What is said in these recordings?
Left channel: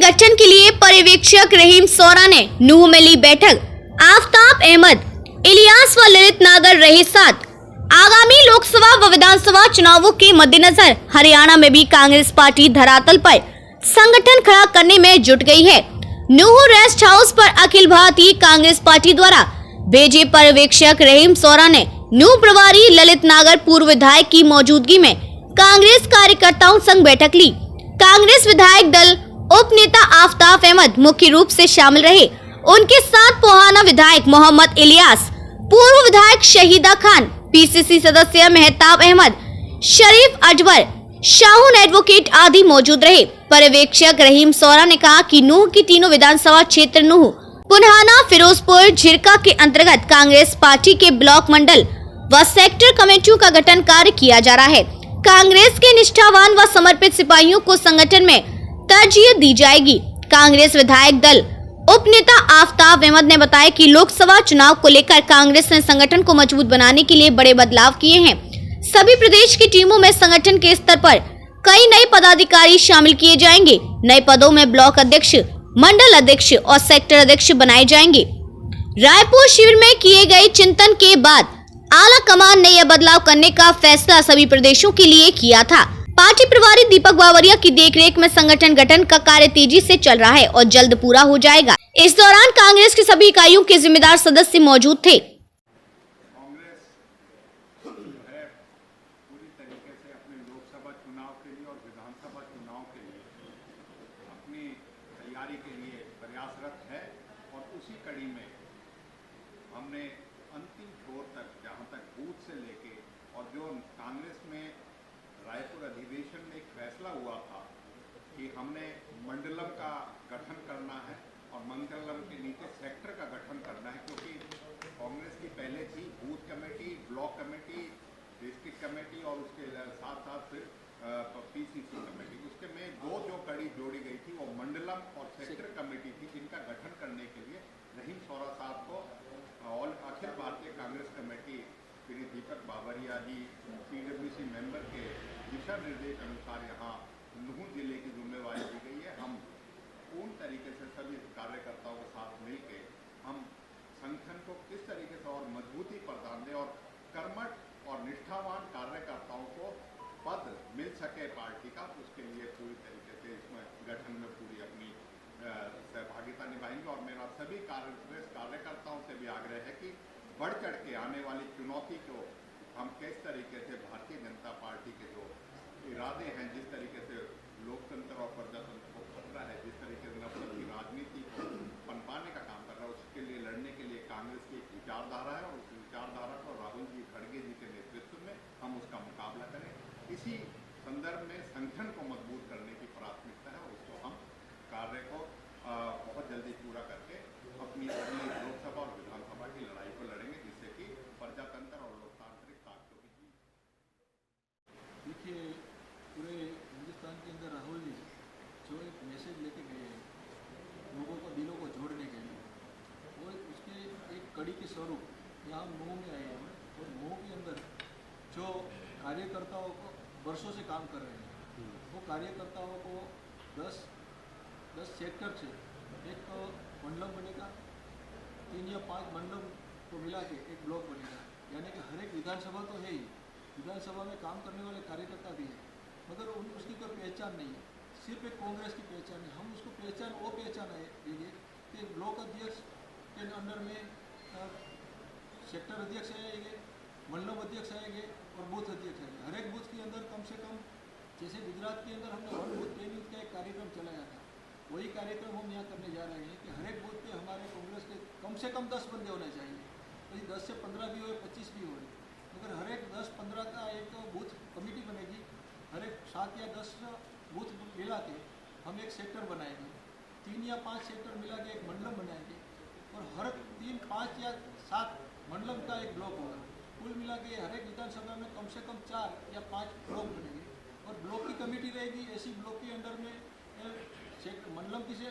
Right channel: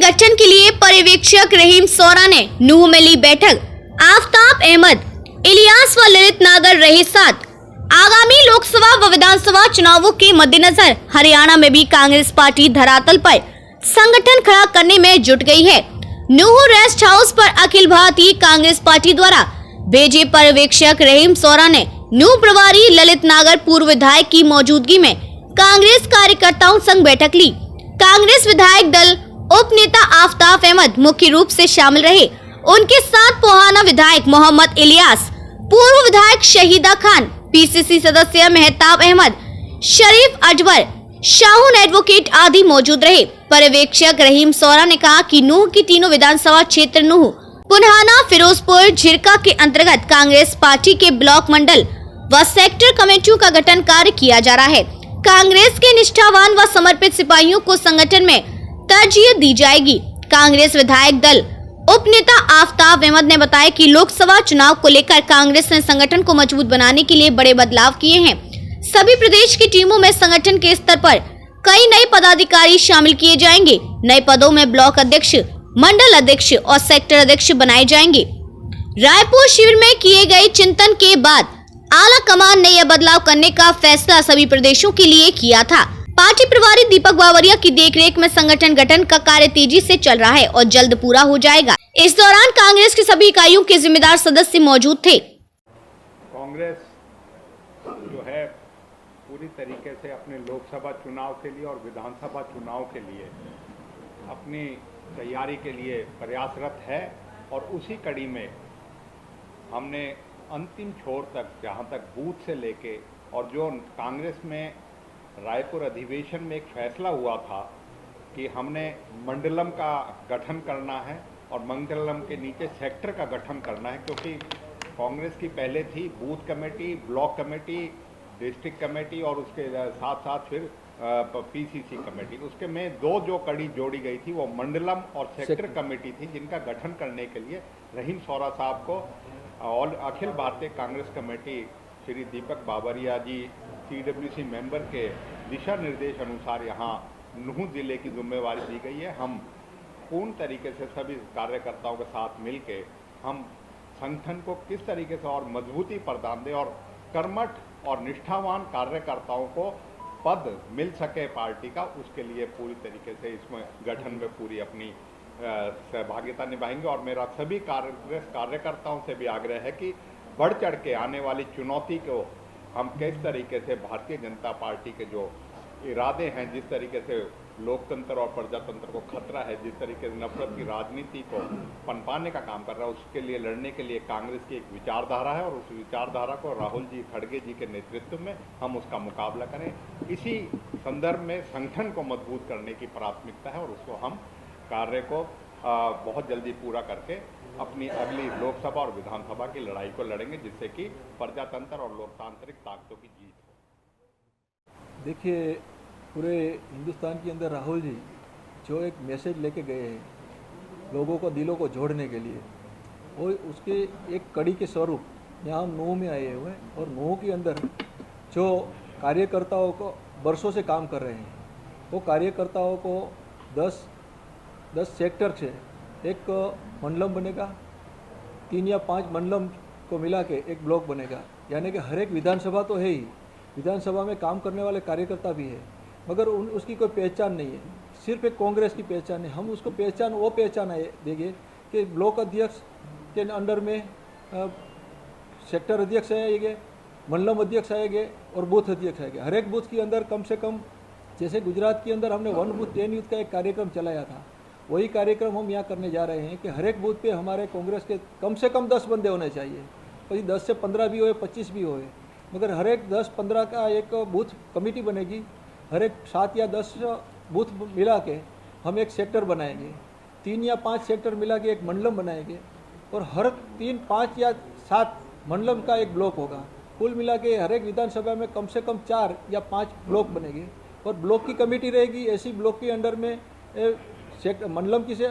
गठन के लिए पर्यवेक्षक रहीम सौरा ने नूह में ली बैठक। आफताब अहमद, इलियास व ललित नागर रहे साथ। आगामी लोकसभा व विधानसभा चुनावों के मद्देनजर हरियाणा में भी कांग्रेस पार्टी धरातल पर संगठन खड़ा करने में जुट गई है। नूह रेस्ट हाउस पर अखिल भारतीय कांग्रेस पार्टी द्वारा भेजे पर्यवेक्षक रहीम सौरा ने नूह प्रभारी ललित नागर पूर्व विधायक की मौजूदगी में कांग्रेस कार्यकर्ताओं संग बैठक ली। कांग्रेस विधायक दल उप नेता आफताब अहमद मुख्य रूप से शामिल रहे। उनके साथ पोहाना विधायक मोहम्मद इलियास, पूर्व विधायक शहीदा खान, पीसीसी सदस्य मेहताब अहमद, शरीफ अजबर, शाहून एडवोकेट आदि मौजूद रहे। पर्यवेक्षक रहीम सौरा ने कहा कि नूह की तीनों विधानसभा क्षेत्र नूह, पुन्हाना, फिरोजपुर, झिरका के अंतर्गत कांग्रेस पार्टी के ब्लॉक मंडल व सेक्टर कमेटियों का गठन कार्य किया जा रहा है। कांग्रेस के निष्ठावान व समर्पित सिपाहियों को संगठन में तरजीह दी जाएगी। कांग्रेस विधायक दल उप नेता आफताब अहमद ने बताया कि लोकसभा चुनाव को लेकर कांग्रेस ने संगठन को मजबूत बनाने के लिए बड़े बदलाव किए हैं। सभी प्रदेश की टीमों में संगठन के स्तर पर कई नए पदाधिकारी शामिल किए जाएंगे। नए पदों में ब्लॉक अध्यक्ष, मंडल अध्यक्ष और सेक्टर अध्यक्ष बनाए जाएंगे। रायपुर शिविर में किए गए चिंतन के बाद आला कमान ने यह बदलाव करने का फैसला सभी प्रदेशों के लिए किया था। पार्टी प्रभारी दीपक बावरिया की देखरेख में संगठन गठन का कार्य तेजी से चल रहा है और जल्द पूरा हो जाएगा। इस दौरान कांग्रेस की सभी इकाइयों के जिम्मेदार सदस्य मौजूद थे। कांग्रेस जो है पूरी तरीके से अपने लोकसभा चुनाव के लिए और विधानसभा चुनाव के लिए अपनी तैयारी के लिए प्रयासरत है और उसी कड़ी में हमने अंतिम छोर तक, जहां तक बूथ से लेके और जो कांग्रेस में रायपुर अधिवेशन में एक फैसला हुआ था कि हमने मंडलम का गठन करना है और मंडलम के नीचे सेक्टर का गठन करना है, क्योंकि कांग्रेस की पहले थी booth committee, block committee, district committee और उसके साथ साथ फिर पीसीसी कमेटी। उसके में जो कड़ी जोड़ी गई थी वो मंडलम और सेक्टर कमेटी थी, जिनका गठन करने के लिए रहीम सौरा साहब को और अखिल भारतीय कांग्रेस कमेटी श्री दीपक बावरिया जी CWC मेंबर के दिशा निर्देश अनुसार यहाँ नूह जिले की जिम्मेवारी दी गई है। हम पूर्ण तरीके से सभी कार्यकर्ताओं के साथ मिलके हम संगठन को किस तरीके से और मजबूती प्रदान दें और कर्मठ और निष्ठावान कार्यकर्ताओं को पद मिल सके पार्टी का, उसके लिए पूरी तरीके से इसमें गठन में पूरी अपनी सहभागिता निभाएंगे। और मेरा सभी कांग्रेस कार्यकर्ताओं से भी आग्रह है कि बढ़ चढ़ के आने वाली चुनौती को हम किस तरीके से भारतीय जनता पार्टी के जो इरादे हैं, जिस तरीके से लोकतंत्र और प्रजातंत्र को खतरा है, जिस तरीके से नफरत की राजनीति को पनपाने का काम कर रहा है, उसके लिए लड़ने के लिए कांग्रेस की एक विचारधारा है और उस विचारधारा को राहुल जी खड़गे जी के नेतृत्व में हम उसका मुकाबला करें। इसी संदर्भ में संगठन को मजबूत करने की प्राथमिकता है और उसको हम कार्य को बहुत जल्दी पूरा करके अपनी अगली लोकसभा और विधानसभा की लड़ाई को लड़ेंगे, जिससे कि प्रजातंत्र और लोकतांत्रिक ताकतों की जीत हो। देखिए, पूरे हिंदुस्तान के अंदर राहुल जी जो एक मैसेज लेके गए हैं लोगों को, दिलों को जोड़ने के लिए, वो उसके एक कड़ी के स्वरूप यहाँ हम नूह में आए हुए हैं और नूह के अंदर जो कार्यकर्ताओं को बरसों से काम कर रहे हैं, वो कार्यकर्ताओं को 10 सेक्टर से एक मंडलम बनेगा, 3 या 5 मंडलम को मिला के एक ब्लॉक बनेगा। यानी कि हर एक विधानसभा तो है ही, विधानसभा में काम करने वाले कार्यकर्ता भी है, मगर उसकी कोई पहचान नहीं है, सिर्फ एक कांग्रेस की पहचान है। हम उसको वो पहचान देंगे कि ब्लॉक अध्यक्ष के अंडर में सेक्टर अध्यक्ष आएंगे, मंडलम अध्यक्ष आएंगे और बूथ अध्यक्ष आएंगे। हर एक बूथ के अंदर कम से कम, जैसे गुजरात के अंदर हमने 1 बूथ 10 यूथ का एक कार्यक्रम चलाया था, वही कार्यक्रम हम यहाँ करने जा रहे हैं कि हर एक बूथ पे हमारे कांग्रेस के कम से कम 10 बंदे होने चाहिए। कोई 10 से 15 भी होए, 25 भी होए, मगर हर एक 10-15 का एक बूथ कमेटी बनेगी। हर एक 7 या 10 बूथ मिला के हम एक सेक्टर बनाएंगे, 3 या 5 सेक्टर मिला के एक मंडलम बनाएंगे और हर 3, 5 या 7 मंडलम का एक ब्लॉक होगा। कुल मिला के हर एक विधानसभा में कम से कम 4 या 5 ब्लॉक बनेंगे और ब्लॉक की कमेटी रहेगी। ऐसी ब्लॉक के अंडर में मंडलम की से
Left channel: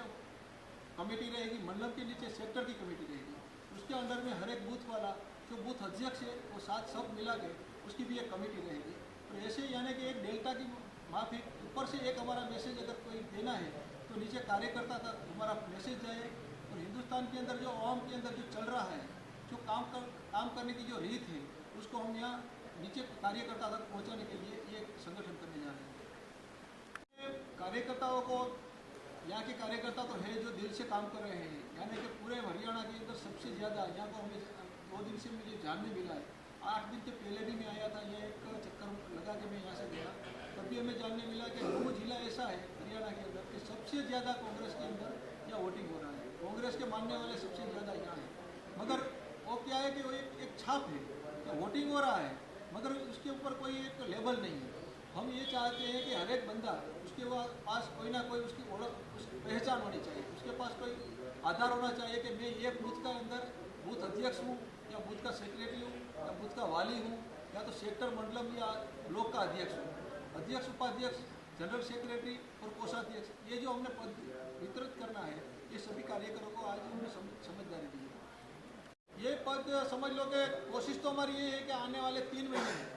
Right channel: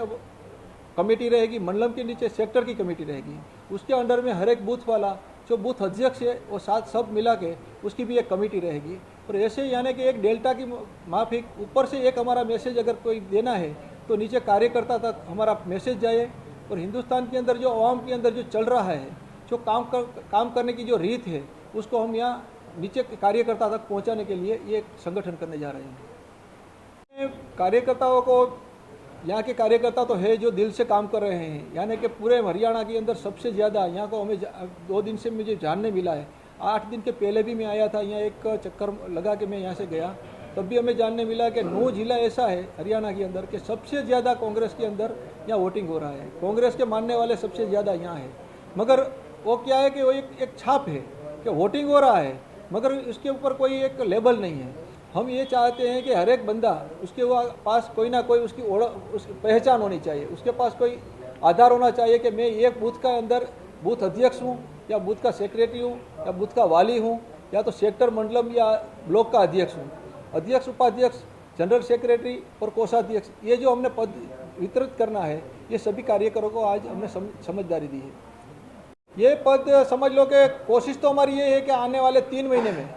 कमेटी रहेगी, मंडलम के नीचे सेक्टर की कमेटी रहेगी, उसके अंडर में हर एक बूथ वाला जो बूथ अध्यक्ष है वो साथ सब मिला के उसकी भी एक कमेटी रहेगी। और ऐसे यानी कि एक डेल्टा की माफिक ऊपर से एक हमारा मैसेज अगर कोई देना है तो नीचे कार्यकर्ता तक हमारा मैसेज जाए और हिंदुस्तान के अंदर जो आवाम के अंदर जो चल रहा है, जो काम करने की जो रीत है, उसको हम यहाँ नीचे कार्यकर्ता तक पहुँचाने के लिए ये संगठन करने जा रहे हैं। कार्यकर्ताओं को, यहाँ के कार्यकर्ता तो है जो दिल से काम कर रहे हैं, यानी कि पूरे हरियाणा के अंदर सबसे ज़्यादा यहाँ को हमें 2 दिन से मुझे जानने मिला है। 8 दिन के पहले भी मैं आया था, यहाँ एक चक्कर लगा के मैं यहाँ से गया, तब भी हमें जानने मिला कि 9 जिला ऐसा है हरियाणा के अंदर कि सबसे ज़्यादा कांग्रेस के अंदर यहाँ वोटिंग हो रहा है, कांग्रेस के मानने वाले सबसे ज़्यादा यहाँ है। मगर वो क्या है कि वो एक छाप है कि वोटिंग हो रहा है, मगर इसके ऊपर कोई एक लेबल नहीं है। हम ये चाहते हैं कि हर एक बंदा उसके पास कोई ना कोई उसकी पहचान होनी चाहिए, उसके पास कोई आधार होना चाहिए कि मैं एक बूथ का अंदर बूथ अध्यक्ष हूँ, या बूथ का सेक्रेटरी हूँ, या बूथ का वाली हूँ, या तो सेक्टर मंडलम या ब्लॉक का अध्यक्ष हूँ। अध्यक्ष, उपाध्यक्ष, जनरल सेक्रेटरी और कोषाध्यक्ष, ये जो हमने पद वितरित करना है, ये सभी कार्यकर्ताओं को आज हमने समझदारी दी है। ये पद समझ लो कि कोशिश तो हमारी ये है कि आने वाले 3 महीने में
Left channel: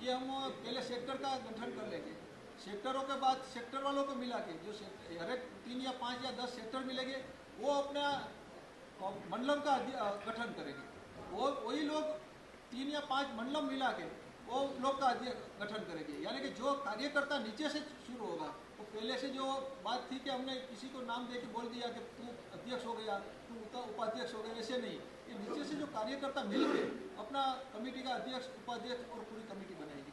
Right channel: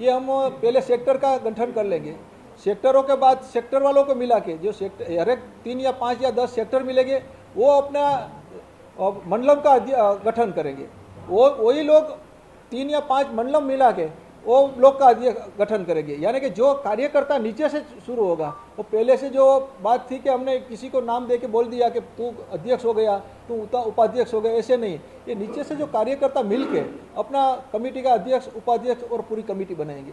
ये हम पहले सेक्टर का गठन कर लेंगे, सेक्टरों के बाद सेक्टर वालों को मिला के जो सेक्टर हर एक 3 या 5 या 10 सेक्टर मिलेंगे, वो अपना मंडलम का गठन करेंगे। वही लोग 3 या 5 मंडलम मिला के वो ब्लॉक का गठन करेंगे। यानी कि जो कार्यकर्ता नीचे से शुरू होगा, वो पहले से जो बात थी कि हमने किसी को नाम दे के बोल दिया कि तू अध्यक्ष हो गया, तू उपाध्यक्ष हो गया, ऐसे नहीं। ये नीचे से जो कार्यकर्ता मिल के अपना कमेटी का अध्यक्ष, उपाध्यक्ष और पूरी कमेटी बनाएंगे।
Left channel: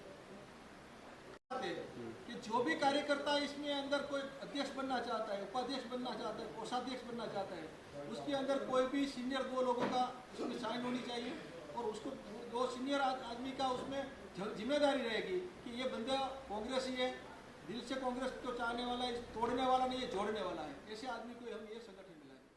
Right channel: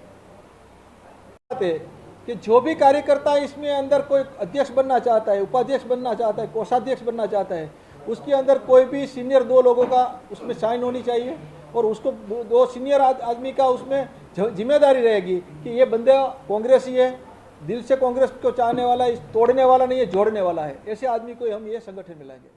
कि जो भी कार्यकर्ता इसमें अंदर कोई अध्यक्ष बनना चाहता है, उपाध्यक्ष बनना चाहता है, कोषाध्यक्ष बनना चाहता है, उसके अंदर कोई भी सीनियर 2 लोगों का उसमें साइन होनी चाहिए, और उसको 2 सीनियर आदमी का उसमें जिम्मेदारी रहेगी कि ये बंदा कांग्रेसी है, दिल से कांग्रेस को चाहने वाला है, तोड़ने वाला नहीं है, जोड़ने वाला है। ऐसे आदमी को हम ये संगठन मिलाएंगे।